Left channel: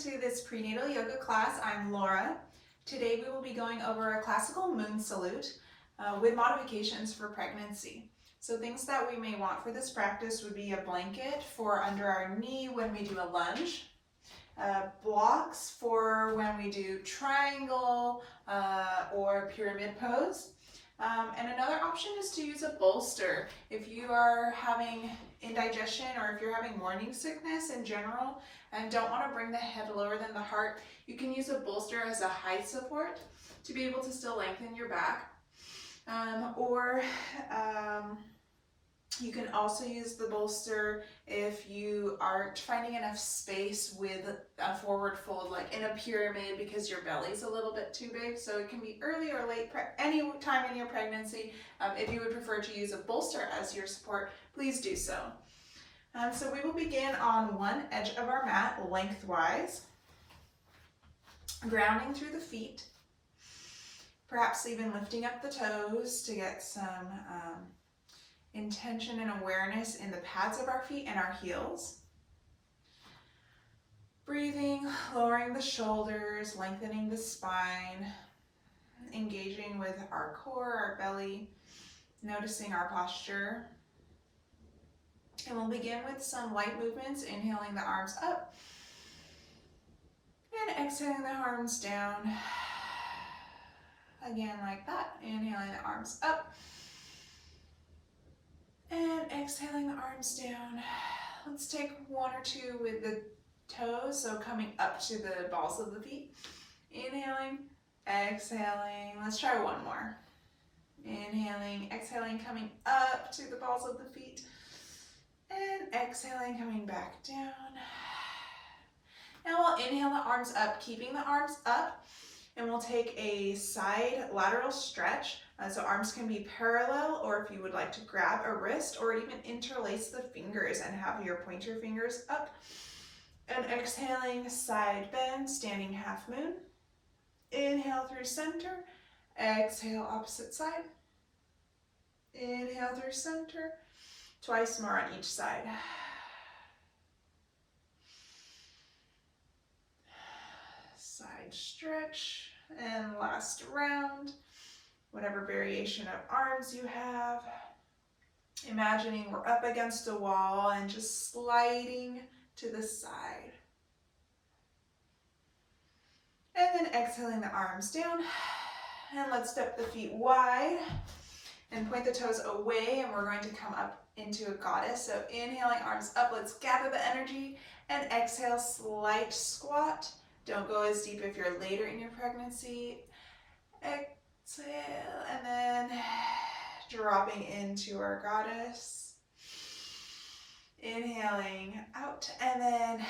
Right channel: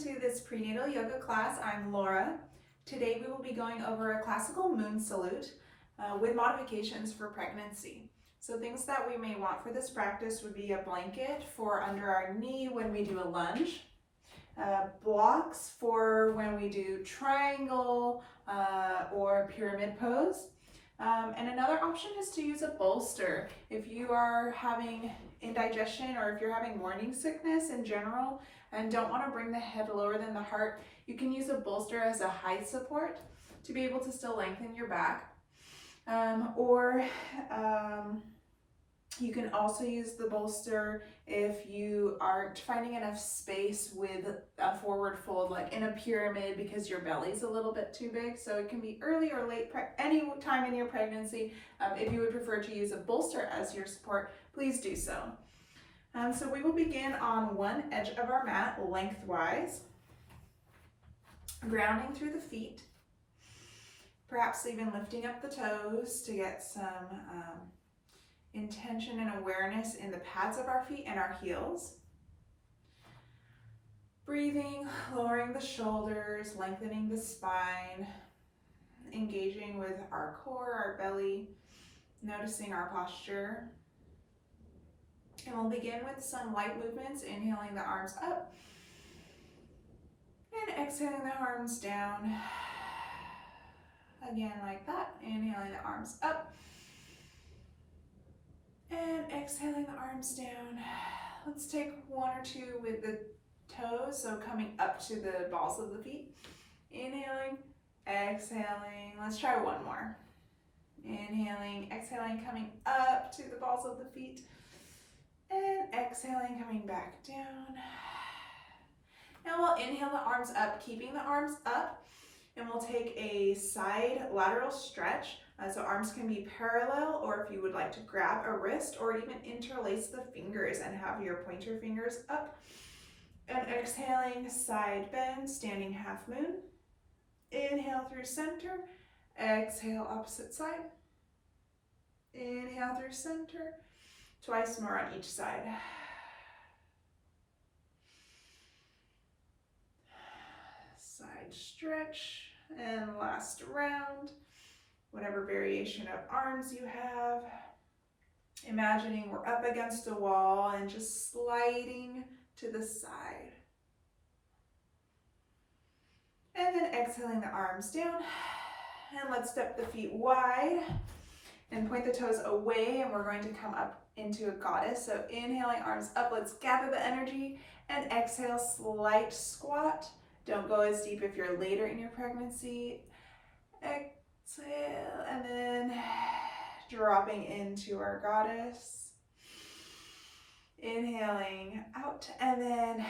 to this prenatal yoga class. I'm Laura. Today we will be going over a classical moon salute with modifications for pregnancy. So things that we may want for this practice would be a blanket for under our knee when we do a lunge, blocks for when we do triangle or pyramid pose. And another option is to use a bolster. If you are having indigestion or if you're having morning sickness in general and don't want to bring the head lower than the heart, you can use a bolster as a height support to be able to still lengthen your back. You can also use the bolster if you aren't finding enough space with a forward fold, like in a pyramid, because your belly's a little bit too big. So it can be early or late, any time in your pregnancy. If you would prefer to use a bolster as your support, please do so. So we will begin on one edge of our mat, lengthwise, grounding through the feet, perhaps even lifting up the toes to get some intention and awareness in the pads of our feet and our heels. Breathing, lowering the shoulders, lengthening the spine, engaging with our core, our belly, noticing our posture. And we'll begin with some light movements, inhaling the arms up and exhaling the arms down. Again, like that, inhaling the arms up and exhaling the arms down. Let's take one or two with the toes, so coming up to the balls of the feet. Inhaling, exhaling. Let's try one more. Inhaling, exhaling, coming up to the balls of the feet. And exhaling, coming back down. Now we'll inhale the arms up, keeping the arms up, and we'll take a side lateral stretch. So arms can be parallel, or if you would like to grab a wrist or even interlace the fingers and have your pointer fingers up. And exhaling, side bend, standing half moon. Inhale through center, exhale opposite side. Inhale through center, twice more on each side. Side stretch, and last round. Whatever variation of arms you have. Imagining we're up against a wall and just sliding to the side. And then exhaling the arms down. And let's step the feet wide and point the toes away, and we're going to come up into a goddess. So inhaling, arms up, let's gather the energy, and exhale, slight squat. Don't go as deep if you're later in your pregnancy. Exhale, and then dropping into our goddess. Inhaling out, and then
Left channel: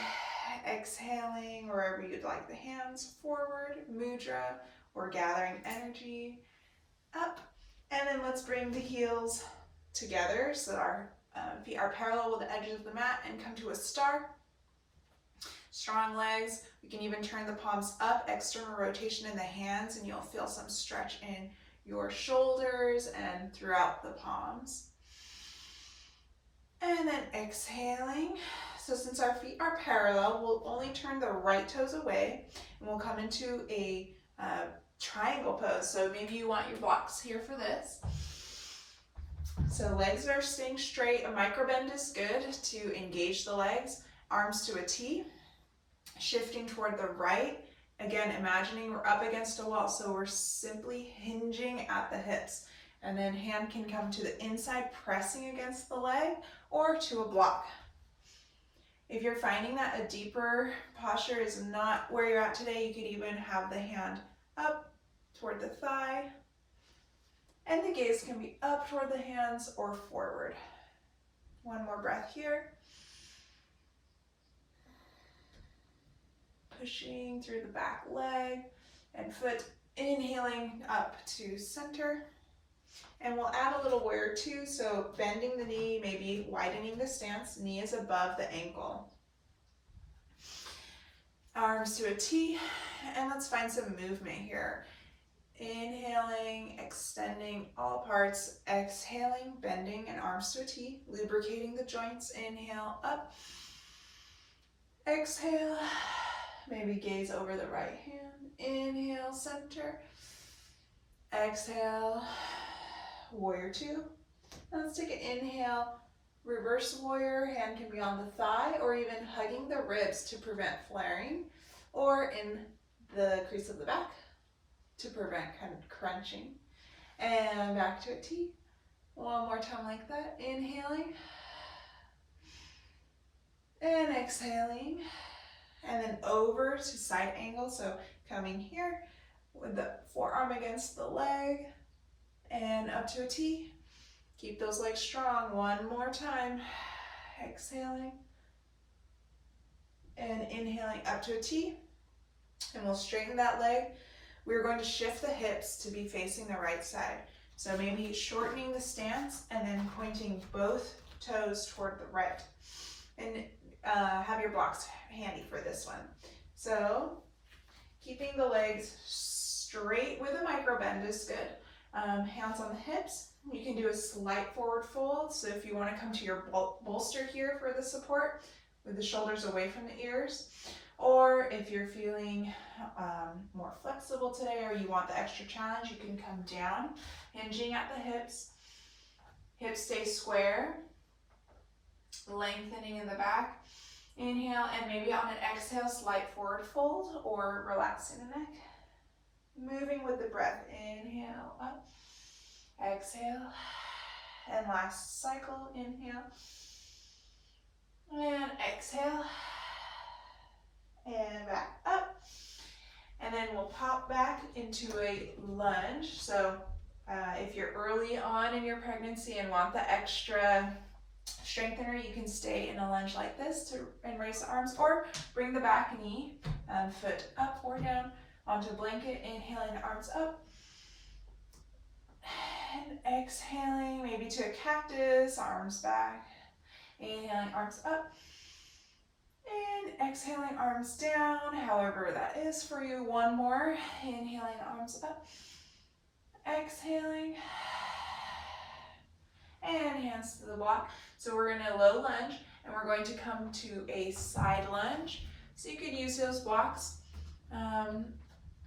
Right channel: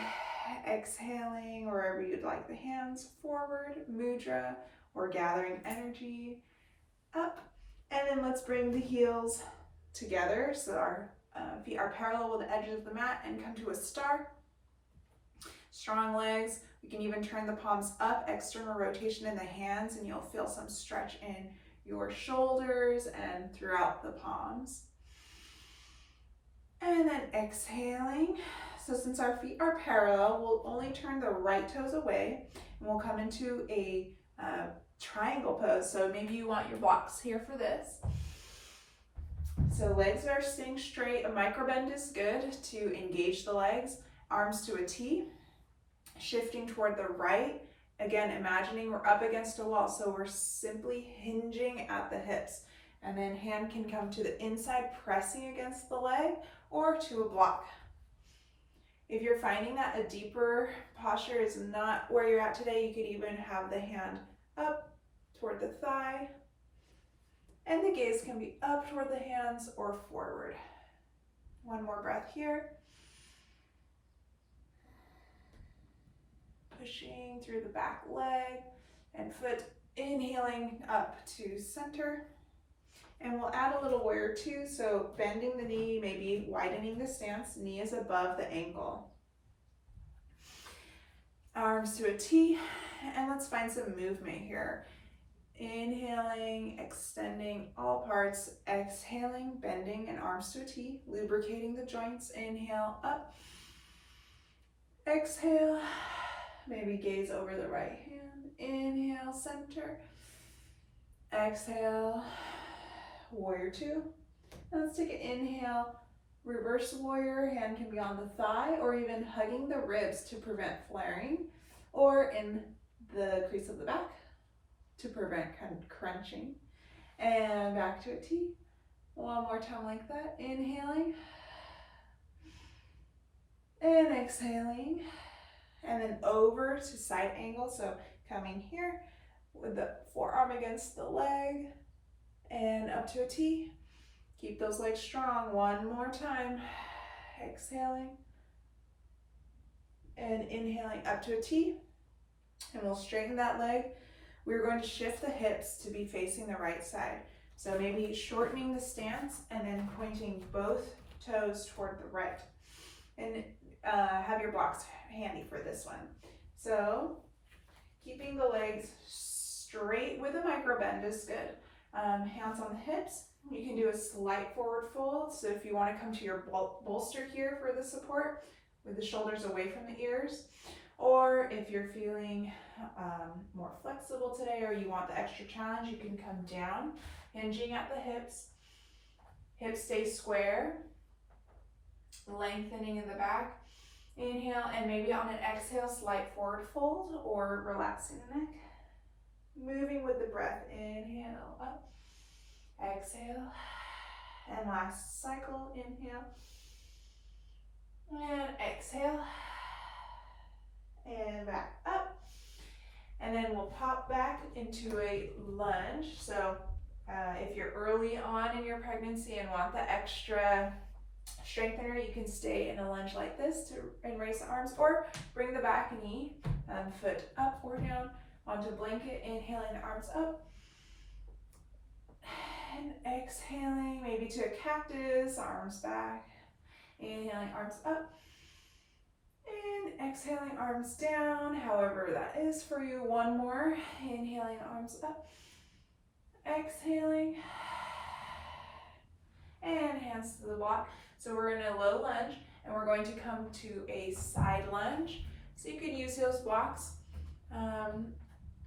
exhaling wherever you'd like the hands, forward, mudra, or gathering energy, up. And then let's bring the heels together so our feet are parallel with the edges of the mat and come to a star. Strong legs. We can even turn the palms up, external rotation in the hands, and you'll feel some stretch in your shoulders and throughout the palms. And then exhaling. So since our feet are parallel, we'll only turn the right toes away, and we'll come into a triangle pose. So maybe you want your blocks here for this. So legs are staying straight. A micro bend is good to engage the legs. Arms to a T. Shifting toward the right. Again, imagining we're up against a wall, so we're simply hinging at the hips. And then hand can come to the inside, pressing against the leg, or to a block. If you're finding that a deeper posture is not where you're at today, you could even have the hand up toward the thigh. And the gaze can be up toward the hands or forward. One more breath here. Pushing through the back leg and foot, inhaling up to center. And we'll add a little warrior two, so bending the knee, maybe widening the stance, knee is above the ankle. Arms to a T, and let's find some movement here. Inhaling, extending all parts, exhaling, bending and arms to a T, lubricating the joints. Inhale, up. Exhale, Maybe gaze over the right hand. Inhale, center. Exhale, warrior two. And let's take an inhale, reverse warrior. Hand can be on the thigh or even hugging the ribs to prevent flaring, or in the crease of the back to prevent crunching. And back to a T. One more time like that. Inhaling and exhaling. And then over to side angle. So coming here with the forearm against the leg and up to a T. Keep those legs strong. One more time. Exhaling and inhaling up to a T. And we'll straighten that leg. We're going to shift the hips to be facing the right side. So maybe shortening the stance and then pointing both toes toward the right. And have your blocks handy for this one. So keeping the legs straight with a micro bend is good. Hands on the hips. You can do a slight forward fold. So if you want to come to your bolster here for the support with the shoulders away from the ears, or if you're feeling more flexible today or you want the extra challenge, you can come down, hinging at the hips. Hips stay square, lengthening in the back. Inhale, and maybe on an exhale, slight forward fold or relaxing the neck. Moving with the breath. Inhale, up. Exhale. And last cycle. Inhale. And exhale. And back up. And then we'll pop back into a lunge. So if you're early on in your pregnancy and want the extra strengthener, you can stay in a lunge like this and raise the arms, or bring the back knee, foot up or down onto blanket, inhaling the arms up and exhaling, maybe to a cactus, arms back, inhaling arms up and exhaling arms down, however that is for you. One more, inhaling arms up, exhaling, and hands to the block. So we're in a low lunge and we're going to come to a side lunge. So you can use those blocks.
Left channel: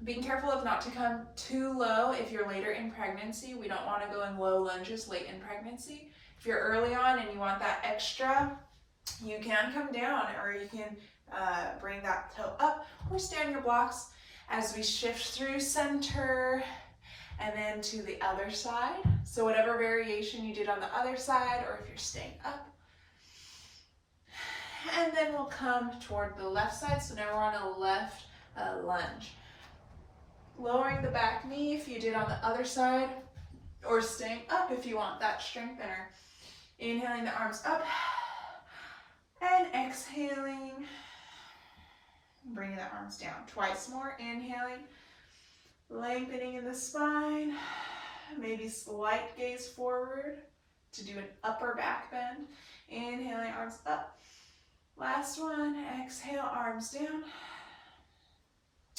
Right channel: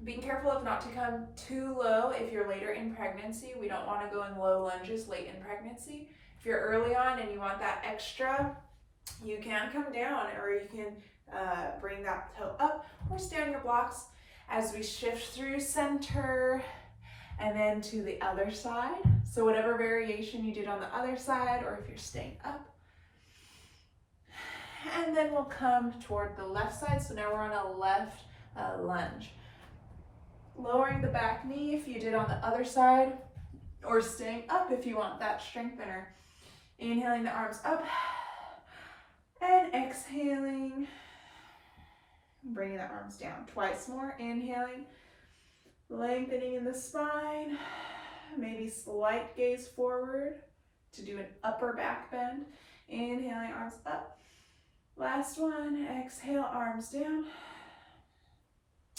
Being careful of not to come too low if you're later in pregnancy. We don't want to go in low lunges late in pregnancy. If you're early on and you want that extra, you can come down, or you can bring that toe up or stay on your blocks as we shift through center and then to the other side. So whatever variation you did on the other side, or if you're staying up. And then we'll come toward the left side. So now we're on a left lunge. Lowering the back knee if you did on the other side, or staying up if you want that strengthener. Inhaling the arms up and exhaling. Bringing the arms down. Twice more. Inhaling. Lengthening in the spine. Maybe slight gaze forward to do an upper back bend. Inhaling, arms up. Last one. Exhale, arms down.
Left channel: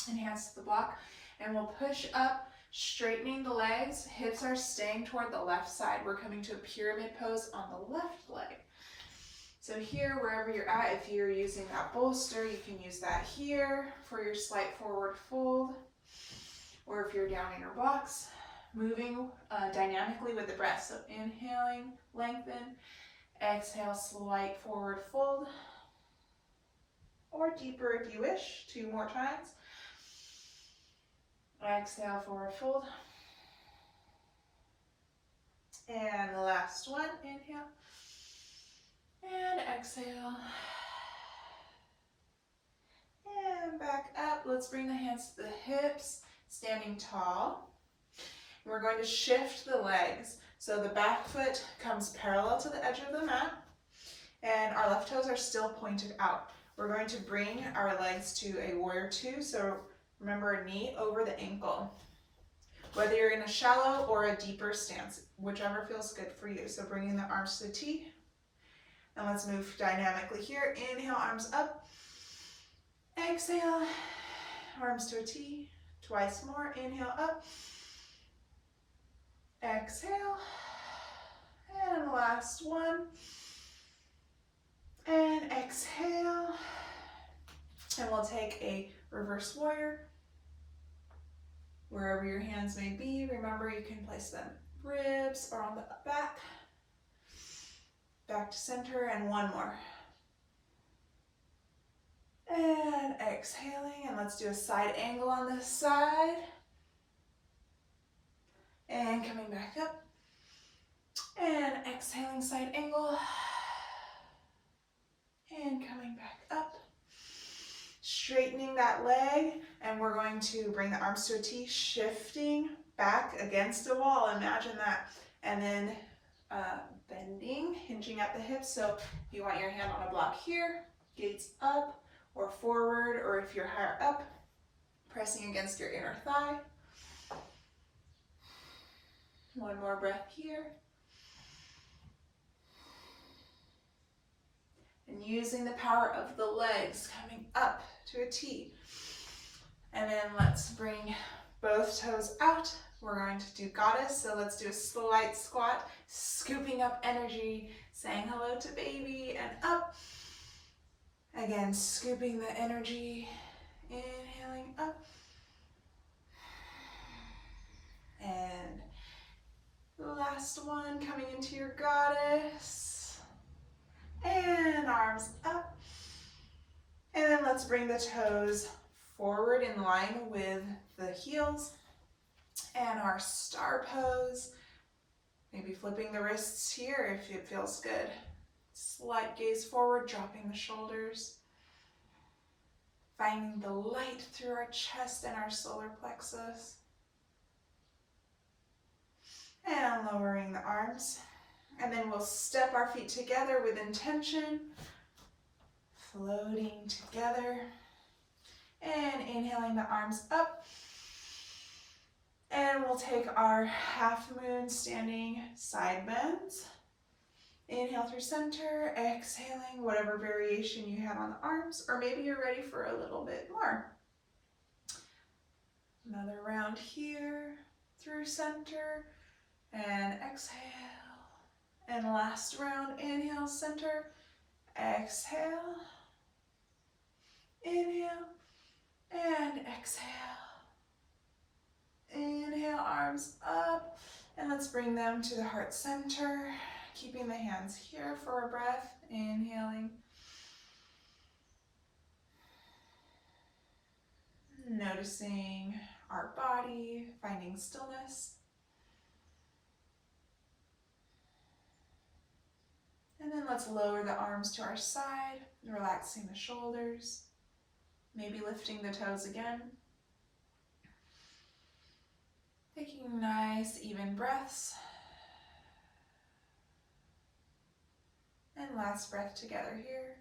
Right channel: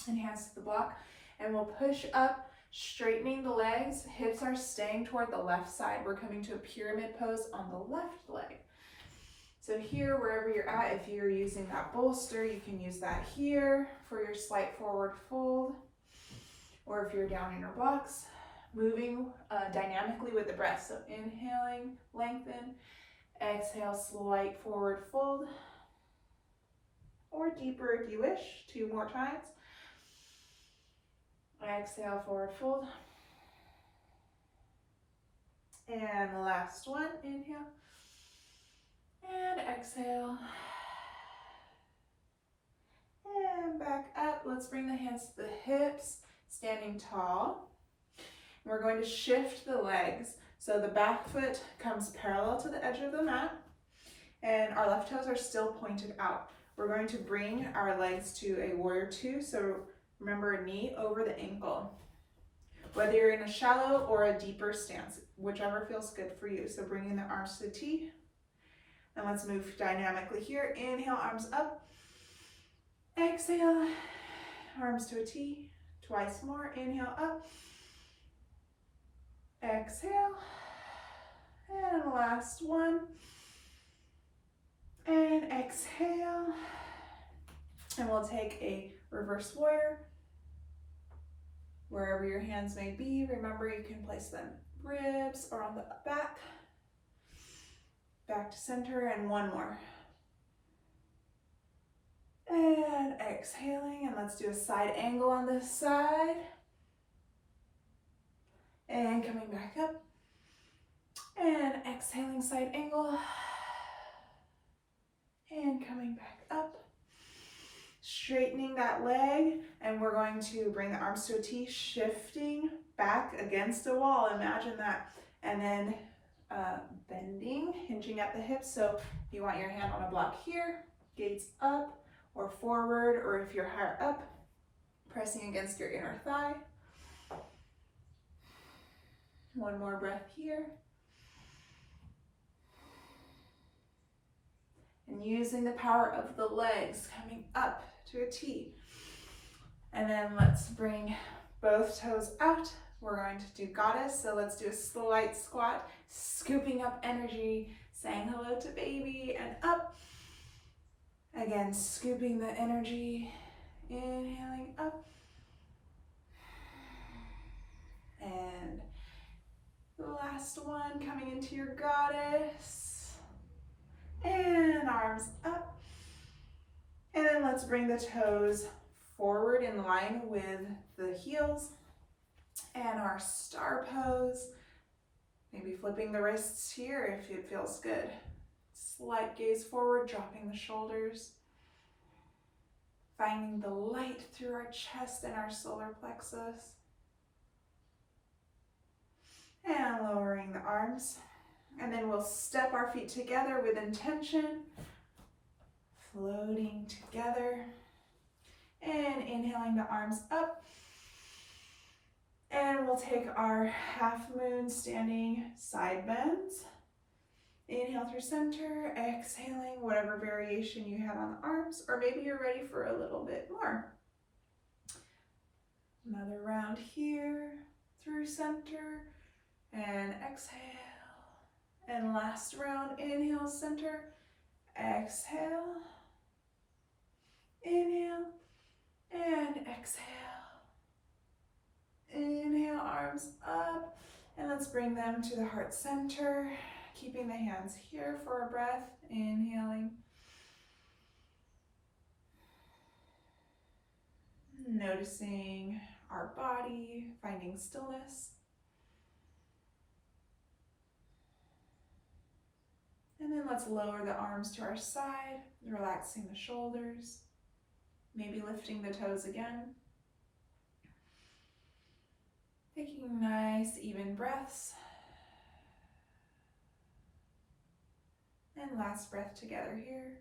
And hands to the block. And we'll push up, straightening the legs. Hips are staying toward the left side. We're coming to a pyramid pose on the left leg. So here, wherever you're at, if you're using that bolster, you can use that here for your slight forward fold. Or if you're down in your blocks, moving dynamically with the breath. So inhaling, lengthen, exhale, slight forward fold, or deeper if you wish, 2 more times. Exhale, forward fold. And the last one, inhale, and exhale. And back up. Let's bring the hands to the hips, standing tall. We're going to shift the legs. So the back foot comes parallel to the edge of the mat, and our left toes are still pointed out. We're going to bring our legs to a warrior two. So remember, knee over the ankle. Whether you're in a shallow or a deeper stance, whichever feels good for you. So bringing the arms to the T. And let's move dynamically here. Inhale, arms up. Exhale, arms to a T. Twice more. Inhale, up. Exhale. And last one. And exhale. And we'll take a reverse warrior. Wherever your hands may be, remember you can place them ribs or on the back. Back to center, and one more. And exhaling, and let's do a side angle on this side. And coming back up. And exhaling, side angle. And coming back up. Straightening that leg, and we're going to bring the arms to a T, shifting back against a wall. Imagine that. And then bending, hinging at the hips. So if you want your hand on a block here, gaze up or forward, or if you're higher up, pressing against your inner thigh. One more breath here. And using the power of the legs, coming up to a T. And then let's bring both toes out. We're going to do goddess, so let's do a slight squat, scooping up energy, saying hello to baby, and up. Again, scooping the energy, inhaling up. And last one, coming into your goddess. And arms up. And then let's bring the toes forward in line with the heels. And our star pose. Maybe flipping the wrists here if it feels good. Slight gaze forward, dropping the shoulders. Finding the light through our chest and our solar plexus. And lowering the arms. And then we'll step our feet together with intention. Floating together. And inhaling the arms up. And we'll take our half moon standing side bends. Inhale through center, exhaling whatever variation you had on the arms, or maybe you're ready for a little bit more. Another round here, through center, and exhale. And last round, inhale, center, exhale, inhale, and exhale. Inhale, arms up, and let's bring them to the heart center, keeping the hands here for a breath, inhaling. Noticing our body, finding stillness. And then let's lower the arms to our side, relaxing the shoulders, maybe lifting the toes again. Taking nice, even breaths. And last breath together here.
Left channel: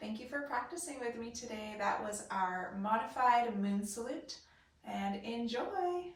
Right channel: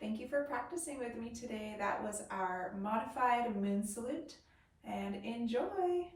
Thank you for practicing with me today. That was our modified moon salute, and enjoy.